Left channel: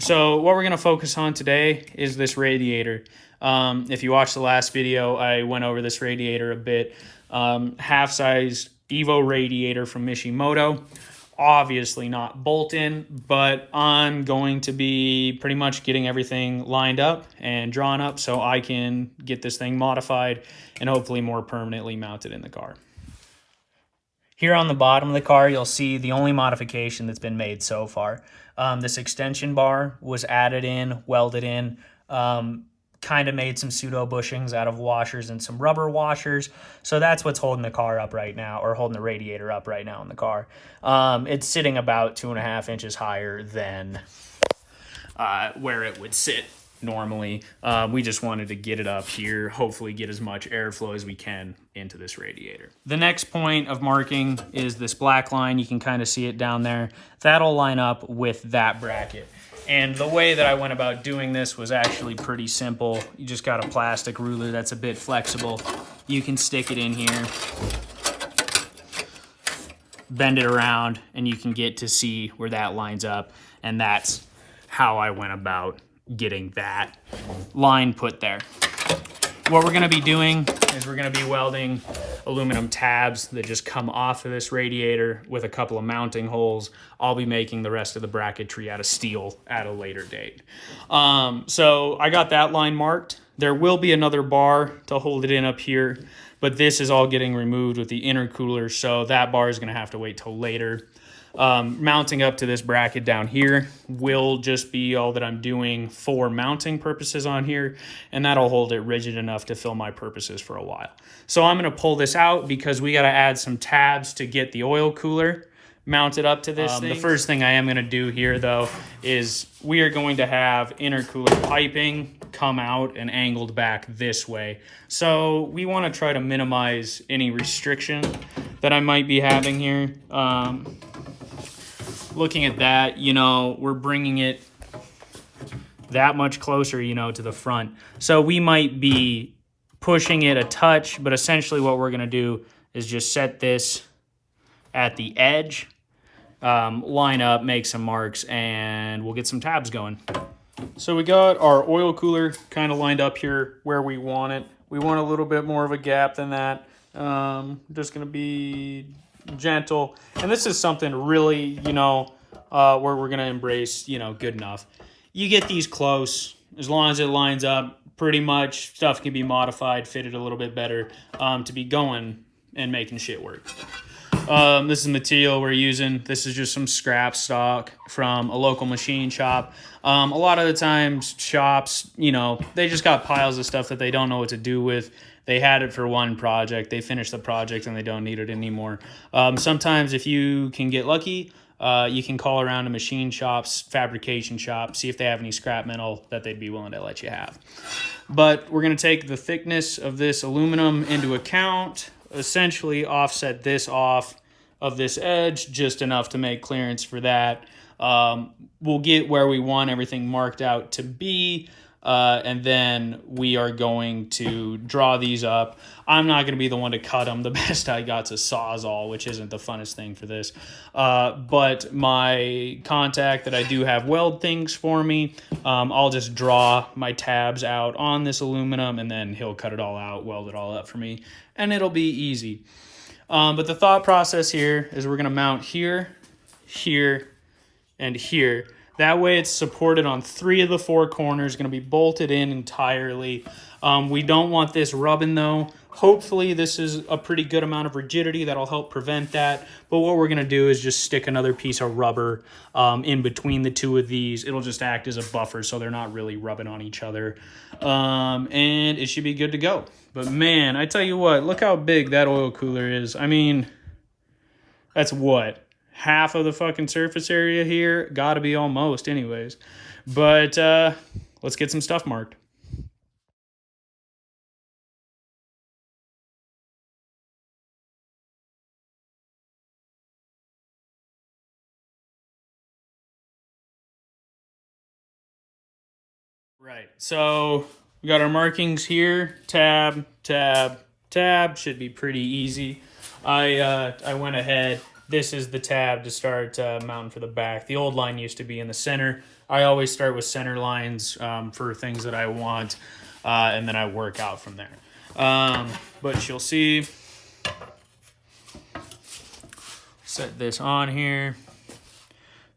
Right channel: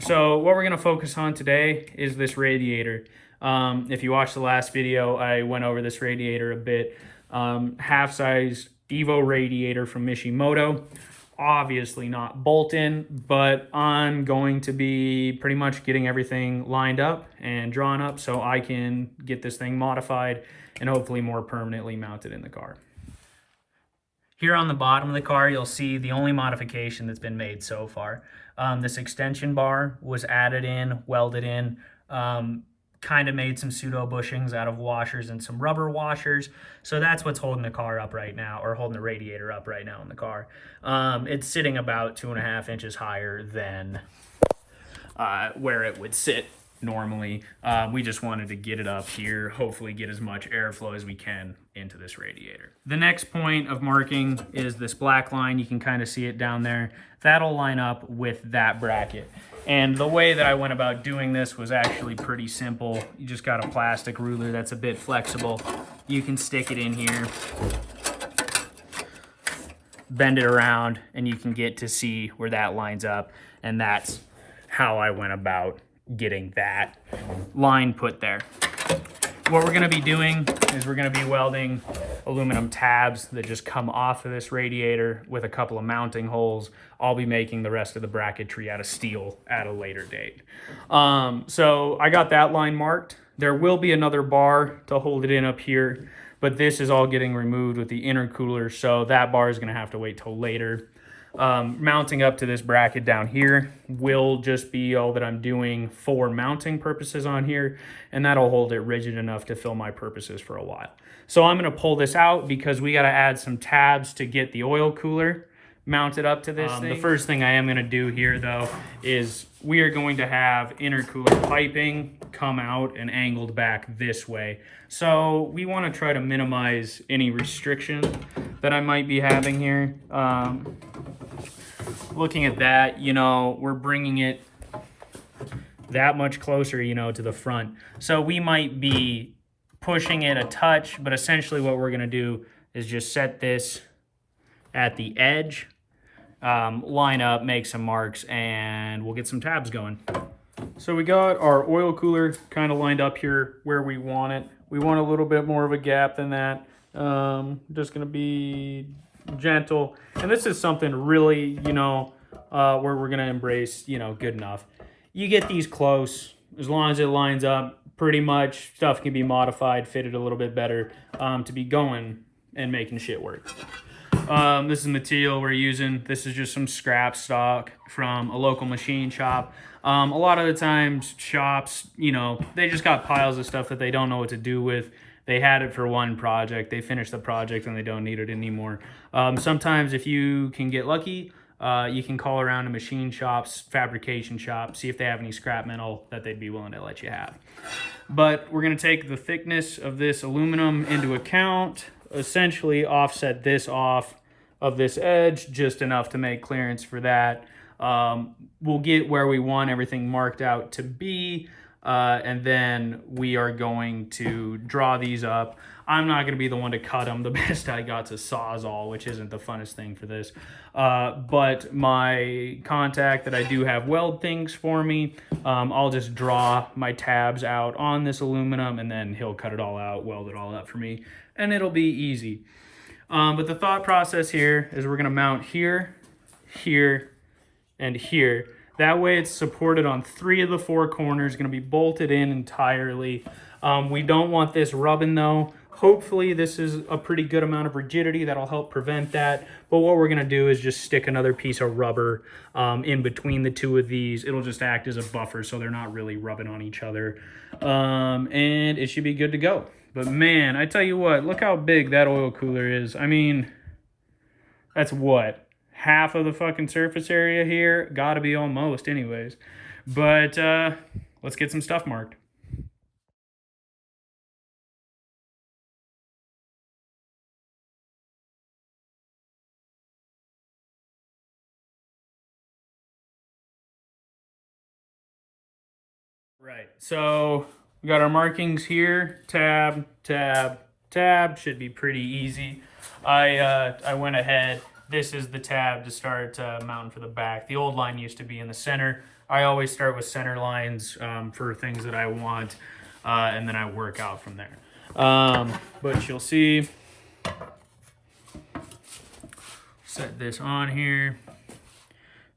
So what we're going to focus on today is this radiator. If you watched the last video, I went over this radiator a bit. Half-size Evo radiator from Mishimoto. Obviously not bolt-in, but I'm going to be pretty much getting everything lined up and drawn up so I can get this thing modified and hopefully more permanently mounted in the car. Here on the bottom of the car, you'll see the only modification that's been made so far. This extension bar was added in, welded in, kind of made some pseudo bushings out of washers and some rubber washers. So that's what's holding the car up right now, or holding the radiator up right now in the car. It's sitting about 2.5 inches higher than where it would sit normally. We just wanted to get it up here, hopefully get as much airflow as we can into this radiator. The next point of marking is this black line. You can kind of see it down there. That'll line up with that bracket. And the way that I went about doing this was actually pretty simple. You just got a plastic ruler that's a bit flexible. You can stick it in here, bend it around, and you can get to see where that lines up. And that's how I went about getting that line put there. What we're going to be doing is we're going to be welding aluminum tabs that just come off of this radiator with a couple of mounting holes. I'll be making the rest of the bracketry out of steel at a later date. So I got that line marked. There will be another bar to hold it in up here, but this is all getting removed with the intercooler, so that bar is going to have to wait till later. Mounting up to this bracket down here will just be all that I'm doing for mounting purposes on here, and that'll hold it rigid enough to fill my purposes for a while. So I'm going to pull this out because we got to add some tabs to get the oil cooler mounted up to this thing. The first thing I am going to do here though is we are going to have intercooler piping come out and angled back this way. So we want to try to minimize any restriction that I might be having here. Looking at that, you know, we're bringing it that much closer, you know, to the front. So we might be pushing it a touch, but essentially what we're going to do is just set this at the edge, line up, make some marks, and we'll get some tabs going. So we got our oil cooler kind of lined up here where we want it. We want a little bit more of a gap than that. Just going to be gentle. And this is something really, you know, where we're going to embrace, you know, GuD-NuF. You get these close, as long as it lines up, pretty much stuff can be modified, fitted a little bit better to be going and making shit work. This is the material we're using. This is just some scrap stock from a local machine shop. A lot of the times shops, you know, they just got piles of stuff that they don't know what to do with. They had it for one project, they finished the project and they don't need it anymore. Sometimes if you can get lucky, you can call around to machine shops, fabrication shops, see if they have any scrap metal that they'd be willing to let you have. But we're going to take the thickness of this aluminum into account, essentially offset this off of this edge just enough to make clearance for that. We'll get where we want everything marked out to be, and then we are going to draw these up. I'm not going to be the one to cut them. The best I got's a Sawzall, which isn't the funnest thing for this. But my contact that I do have weld things for me, I'll just draw my tabs out on this aluminum, and then he'll cut it all out, weld it all up for me, and it'll be easy. But the thought process here is we're going to mount here, here, and here. That way it's supported on 3 of the 4 corners, going to be bolted in entirely. We don't want this rubbing though. Hopefully this is a pretty good amount of rigidity that'll help prevent that. But what we're going to do is just stick another piece of rubber in between the 2 of these. It'll just act as a buffer so they're not really rubbing on each other. And it should be good to go. But man, I tell you what, look how big that oil cooler is. I mean, that's what? Half of the fucking surface area here? Gotta be almost anyways. But let's get some stuff marked. Right, so we got our markings here. Tab, tab, tab. Should be pretty easy. I went ahead. This is the tab to start mounting for the back. The old line used to be in the center. I always start with center lines for things that I want, and then I work out from there. But you'll see, set this on here.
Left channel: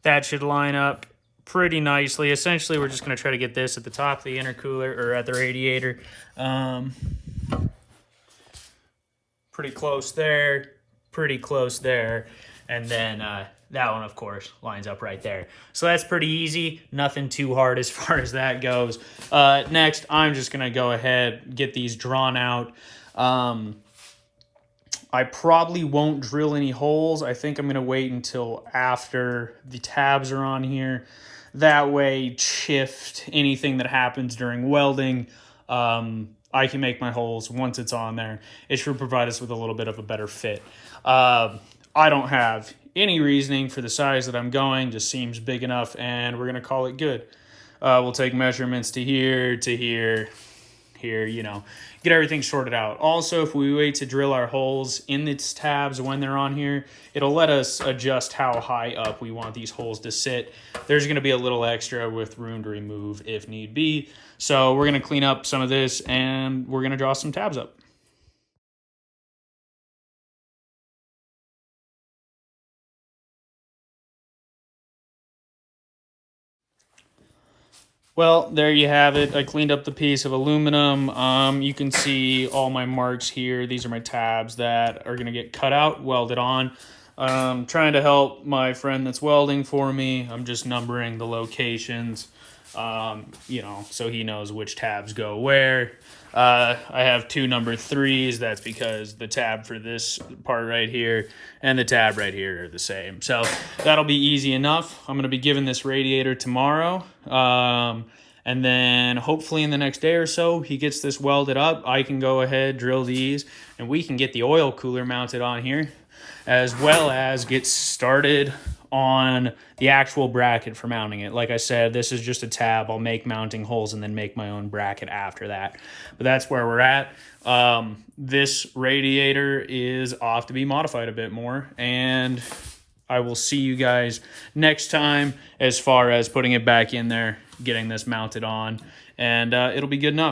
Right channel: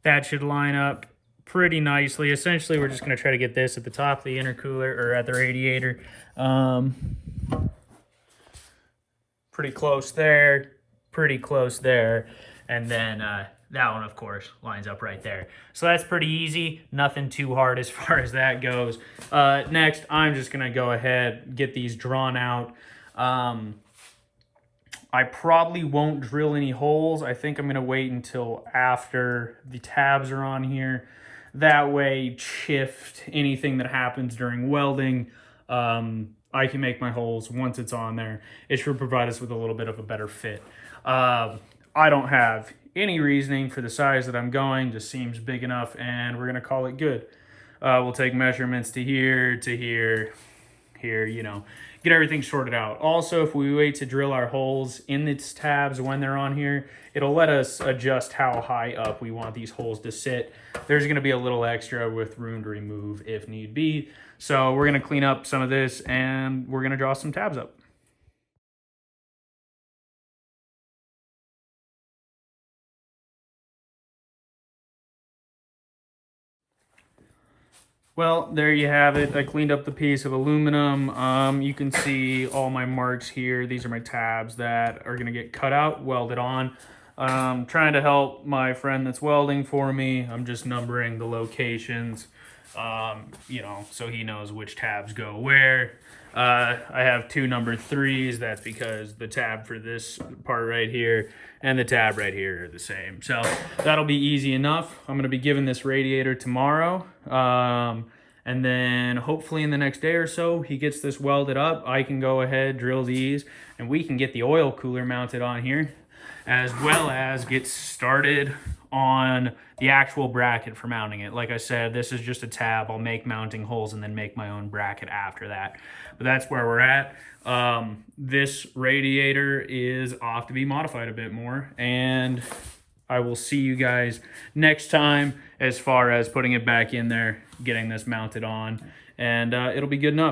That should line up pretty nicely. Essentially, we're just going to try to get this at the top of the intercooler or at the radiator. Pretty close there, pretty close there, and then that one, of course, lines up right there. So that's pretty easy, nothing too hard as far as that goes. Next, I'm just gonna go ahead, get these drawn out. I probably won't drill any holes. I think I'm gonna wait until after the tabs are on here. That way, shift anything that happens during welding, I can make my holes once it's on there. It should provide us with a little bit of a better fit. I don't have any reasoning for the size that I'm going, just seems big enough, and we're gonna call it good. We'll take measurements to here, here, you know, get everything sorted out. Also, if we wait to drill our holes in these tabs when they're on here, it'll let us adjust how high up we want these holes to sit. There's gonna be a little extra with room to remove if need be. So we're gonna clean up some of this and we're gonna draw some tabs up. Well, there you have it. I cleaned up the piece of aluminum. You can see all my marks here. These are my tabs that are gonna get cut out, welded on. Trying to help my friend that's welding for me. I'm just numbering the locations, you know, so he knows which tabs go where. I have 2 number 3s. That's because the tab for this part right here and the tab right here are the same. So that'll be easy enough. I'm going to be giving this radiator tomorrow. And then hopefully in the next day or so, he gets this welded up. I can go ahead, drill these, and we can get the oil cooler mounted on here, as well as get started on the actual bracket for mounting it. Like I said, this is just a tab. I'll make mounting holes and then make my own bracket after that. But that's where we're at. This radiator is off to be modified a bit more, and I will see you guys next time as far as putting it back in there, getting this mounted on, and it'll be good enough.